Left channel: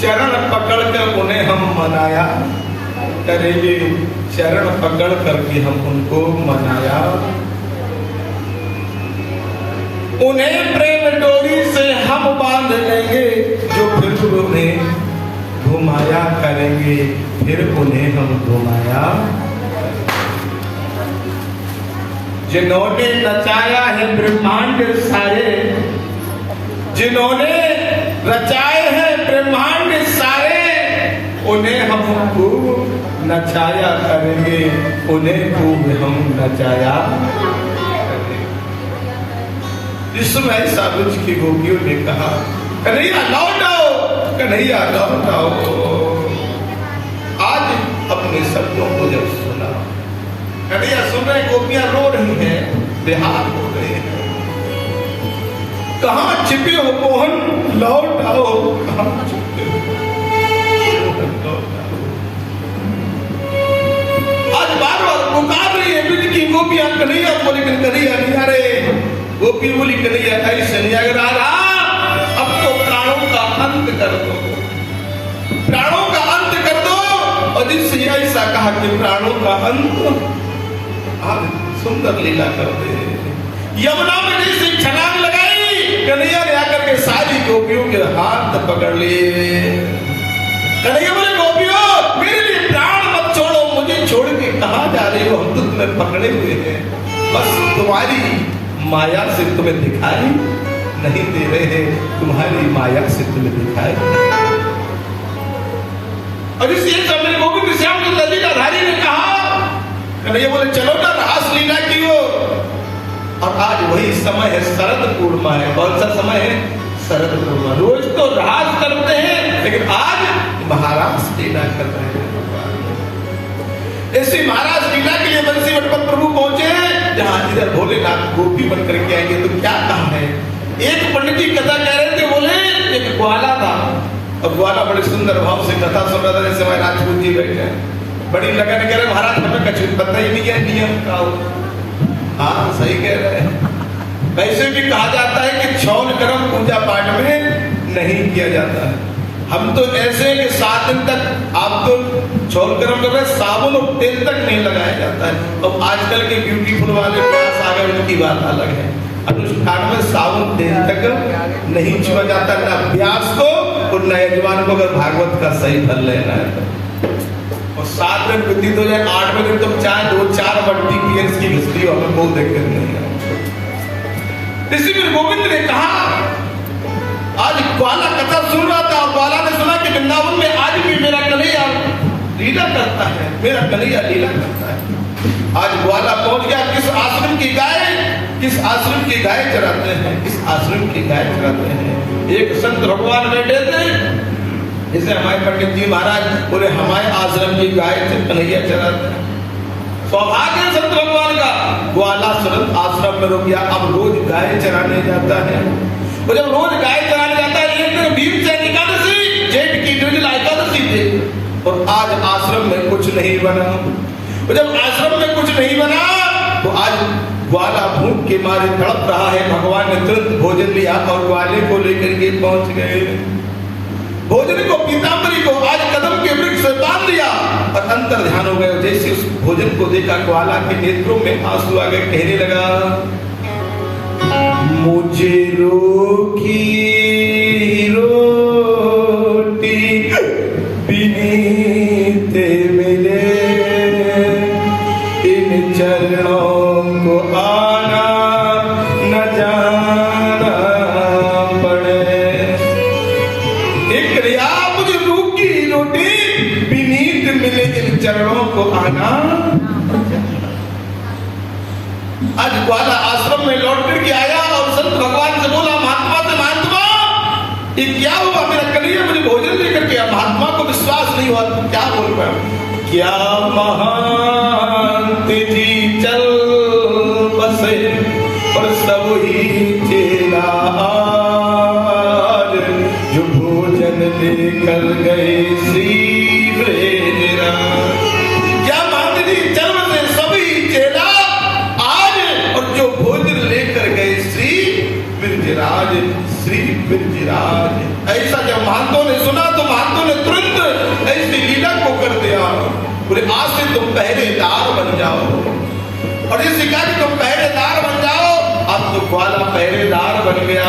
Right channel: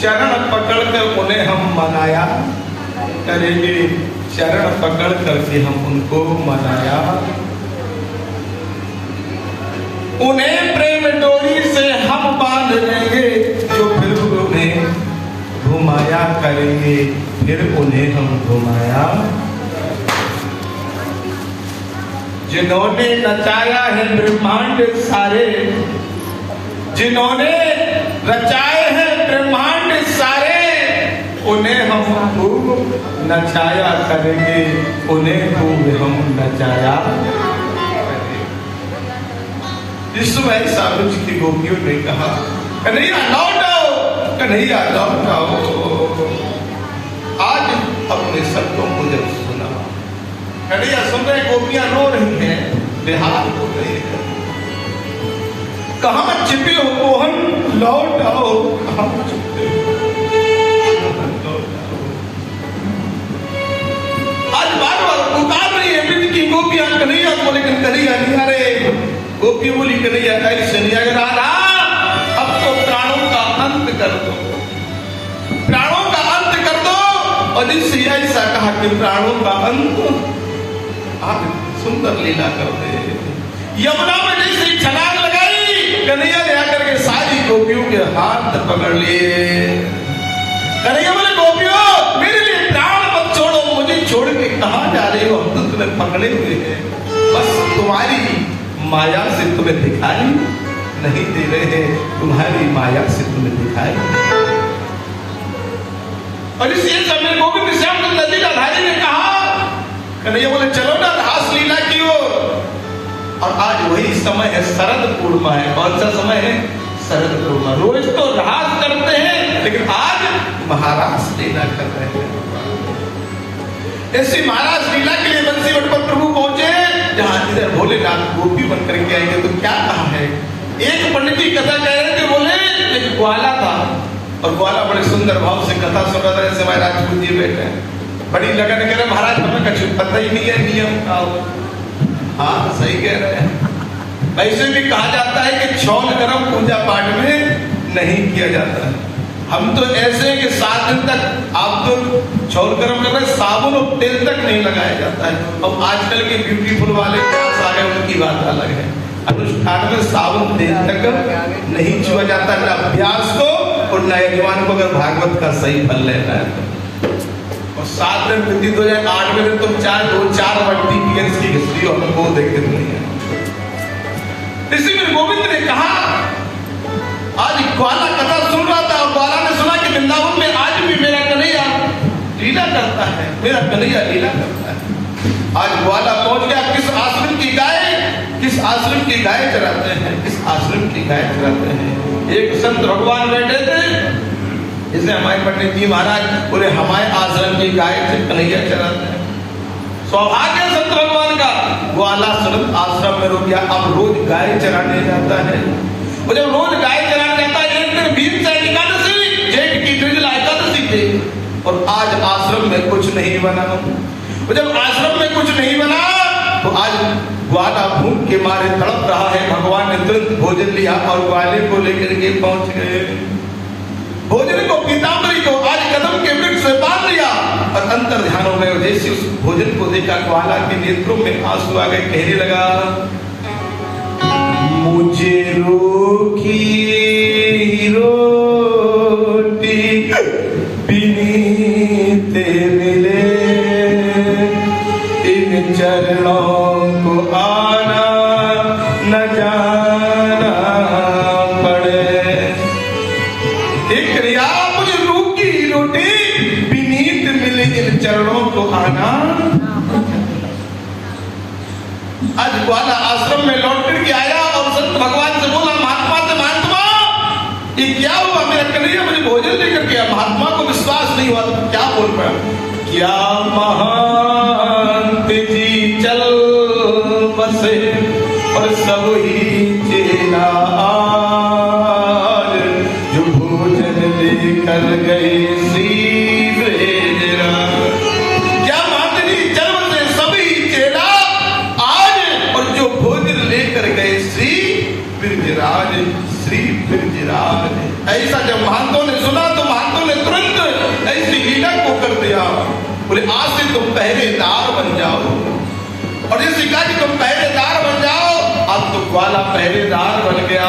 चरण पकड़ कर उन्हें हम मनाया करेंगे, चरण पकड़ करके हम उनको मनाया। उन्हें प्रेम डोरी से हम बांध लेंगे, जो फिर उन्हें घुमाया करेंगे, फिर उन्हें हम घुमाया। जिन्होंने रचाया है ब्रह्मांड सारे, जिन्होंने रचाए हैं ब्रह्मांड सारे, उन्हें हम खूब नचाया करेंगे, उन्हें खूब हम नचाया। इस समय सालुज की गोपियों ने कहा, कन्हैया लौट आओ, कन्हैया लौट आओ। आज अपने शब्दों को जब सुना, कन्हैया सुन रहे, गोपियां रो रही हैं, बेहाल हो रहे हैं। कहां छिपे हो मोहन, लौट आओ, कहां छिपे हो मोहन, लौट आओ। आज बार बार पुकार रही है ब्रज की गोपियां, कन्हैया को, लेकिन कन्हैया नहीं आ रहे। गोपी बोली, कन्हैया ऐसे नहीं आ रहा, अब तो प्राणों का अंत कर दो, प्राणों का अंत कर दो। और जिससे ऐसा कहा कि प्राणों का अंत, आज सुंदर लीला करते हैं। यमुना में जैसे छलांग लगाई, कन्हैया ने आकर के सारी गोपियों के हाथ पकड़ लिए। कन्हैया बोले, गोपियों मेरे लिए प्राण मत छोड़ो, मुझे छोड़ के कहां जा रही हो, हम तो तुम्हें पकड़े हुए हैं, बस तुम्हारी माया से तुम्हें दिखाई नहीं दे रहे हैं, तुम्हारी माया से तुम्हें दिखाई। और इसलिए समय गोविंद श्याम सुंदर लीलाधारी ने कहा, कन्हैया बोले चलो ना रास लीला की ओर। और आज वही समय है, शरद पूर्णिमा है। कौन सा समय है? शरद पूर्णिमा। रोज तो रास करते हैं, लेकिन आज महाराज लीला कर रहे हैं। ऐसी महाराज लीला के लिए बंसी वटपत प्रभु पहुंचे, जहां इधर भोलेनाथ गोपी बन करके आएंगे। तो क्या काम है? एक पंडित जी कथा कह रहे थे, बोले एक ग्वाला था, और ग्वाला बड़े सुंदर भाव से कथा सुन रहा था, जैसे महाराज जी बैठे, बड़ी लगन कह रहे, महाराज हमें कुछ पता ही नहीं है नियम का। हाँ सही कह रहे हैं। वैसे भी कहा जाता है कि छौल गरम पूजा पाठ में नहीं किया जाता है। हम तो ऐसे कि 7 दिन तक आप तो छौल गरम कर रहे, साबुन और तेल तक नहीं लगाया जाता है। और आजकल के ब्यूटीफुल वाले प्यास आ गए, उनकी बात अलग है। अनुष्ठान में साबुन तेल तक नहीं छुआ जाता, ना अभ्यास को और न यजमान को अगर भागवत का सही फल लेना है। और 7 दिन व्यतीत हो जाए, 8वें दिन तुम चाहे 2-4 मल्टी पीएस की हिस्ट्री हो, हमें वो देखते नहीं है। इसीलिए गोविंद ने कहा, आज ग्वाला कथा सुन रहा था, ग्वाला ने सुना कि वृंदावन में आज भी मेरा कन्हैया लीला करता है, मेरा कन्हैया लीला करता है। आज ग्वाला पहुंच गया, किस आश्रम की गाय, किस आश्रम की गाय चराते हैं, किस आश्रम की गाय चराते हैं। एक संत भगवान बैठे थे, इसलिए हमारे पंडित जी महाराज पूरे हमारे आश्रम की गाय कन्हैया चराते हैं। सौभाग्य संत भगवान का, ग्वाला आश्रम में रुक गया, अब रोज गाय चराने जाता है। वो जब रोज गाय चराने जाता है, एक दिन भीम से एकादशी, जेठ की निर्जला एकादशी थे, और आज आश्रम में कुछ नहीं बना। वो जब आश्रम में कुछ नहीं बना, तो आज ग्वाला भूख के मारे तड़प रहा है। भगवान ने तुरंत भोजन लिया और ग्वाले को लेकर के पहुंच गए। भोजन को, पीताम्बरी को आज कदम के वृक्ष से बांध दिया और अंतर ध्यान हो गए। जैसे उस भोजन को देखा, ग्वाला के नेत्रों में आंसू आ गए, कहने लगा, मुझे रोकी रोटी बीते मिले, इन चरणों को आना न जाना पड़े। एक क्रिया, मुझे रोकी रोटी बीनीत मिले, इन चरणों को आना। आज ग्वाला आश्रम में लौट करके आया और संत भगवान से बोला, महात्मा से, महात्मा ये क्या हुआ, मेरा कन्हैया मुझे भोजन लेकर के, महात्मा को विश्वास नहीं हुआ। तो क्या बोल रहा, क्या महंत जी चल बसे और सब ही चेला आज, जो भोजन लेकर गए श्री ब्रजराज। क्या महंत जी चल बसे, सभी चेला आज, और जो भोजन लेकर गए श्री ब्रजराज, श्री ब्रजराज। ऐसा जब महंतों ने सुना, तो महंतों मैया को कर दिया। बोले आज से तुम पहरेदार बन जाओ। और ये सिखा कि तुम पहरेदार बन जाओ। अब तो ग्वाला पहरेदार बन गया।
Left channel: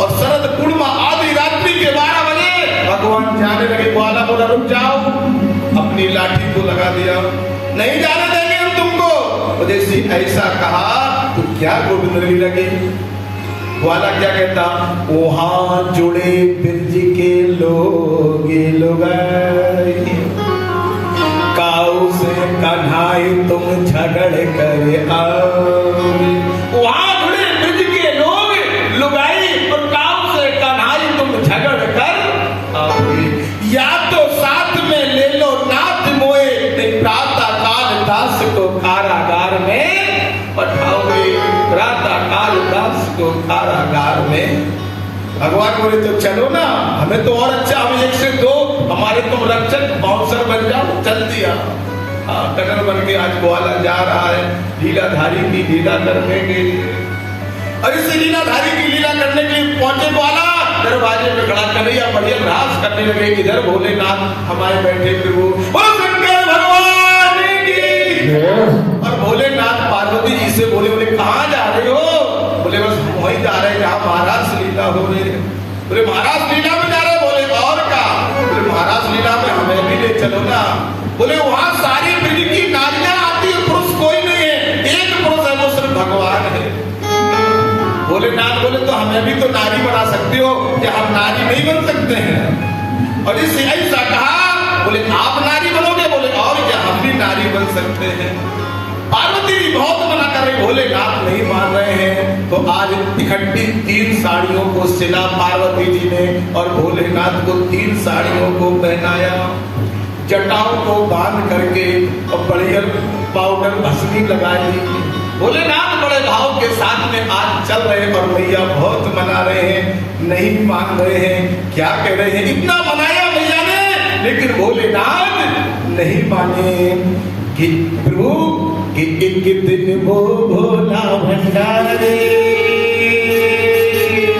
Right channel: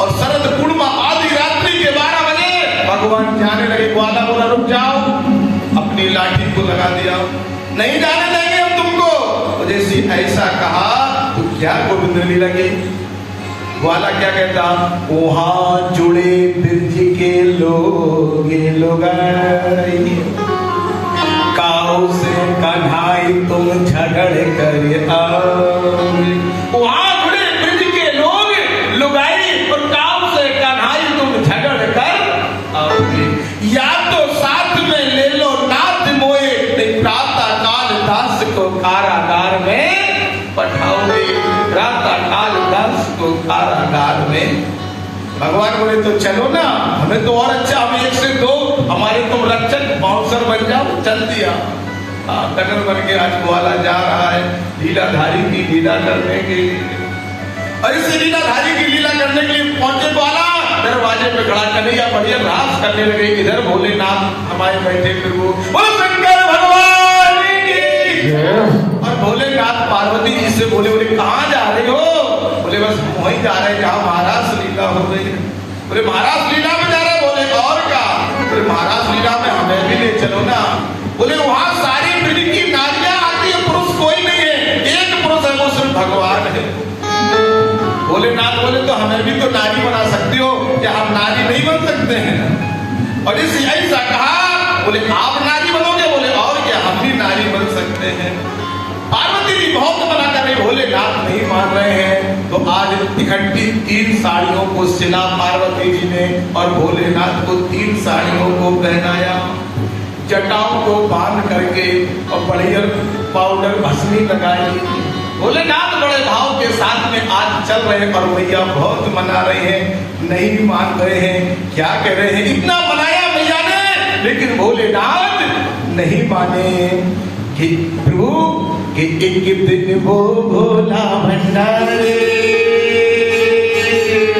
और शरद पूर्णिमा आधी रात्रि के 12 बजे भगवान जाने लगे। ग्वाला बोला रुक जाओ, अपनी लाठी को लगा दिया, नहीं जाने देंगे हम तुमको। जैसे ऐसा कहा तो क्या गोविंद लीला की ग्वाला क्या कहता, वहां जुड़े ब्रज के लोग काऊ से कन्हाई तुम झगड़ कर आओ। वहां जुड़े ब्रज के लोग लुगाई और काऊ से कन्हाई तुम झगड़ कर आओगे। या तो साथ में ले लो नाथ मोए, नहीं प्रातः काल दास को कारागार में पठाओगे। प्रातः काल दास को कारागार में। भगवान बोले तो चलो ना, हमें तो और अच्छा, हमें 1 से 2 हमारे तो रक्षक बाउंसर बन जाओ। चल दिया टगर बन के आज ग्वाला जा रहा है लीलाधारी की लीला करने के लिए। और इस लीलाधारी की लीला करने के लिए पहुंचे ग्वाला दरवाजे पे खड़ा कन्हैया बढ़िया नाच करने लगे। इधर भोलेनाथ हमारे बैठे प्रभु शंकर भगवान की। और भोलेनाथ पार्वती जी से बोले बोले कहाँ जा रहे हो? बोले बस हम वहीं जा रहे हैं जहाँ महाराज लीला हो रही है। बोले महाराज लीला में जा रहे? बोले और क्या? बोले महाराज लीला में हमें भी ले चलो ना। बोले वहां सारी पीढ़ी की नारियां आती है, पुरुष कोई नहीं है, एक पुरुष है, वो सिर्फ भगवान है। भोलेनाथ बोले तो हमें भी तो नारी बना सकते हो, क्या हम नारी नहीं बन सकते हैं? और इस ऐसा कहा। बोले आप नारी बनोगे? बोले और क्या, हम भी नारी बन सकते हैं। पार्वती बहुत मना कर रही, भोलेनाथ नहीं मान रहे हैं। तो आज इकट्ठी 3 साड़ियों को सिला पार्वती जी ने और भोलेनाथ को 3 साड़ियों को पहनाया। जटाओं को बांध करके और बढ़िया पाउडर भस्मी लगाई। भोलेनाथ बड़े भाव के साथ में आज चल रहे और भैया बहुत मना रहे हैं, नहीं मान रहे हैं। क्या कह रहे हैं? इतना मनाया भैया ने, लेकिन भोलेनाथ नहीं माने। कि प्रभु कि एक दिन वो भोला भंडारे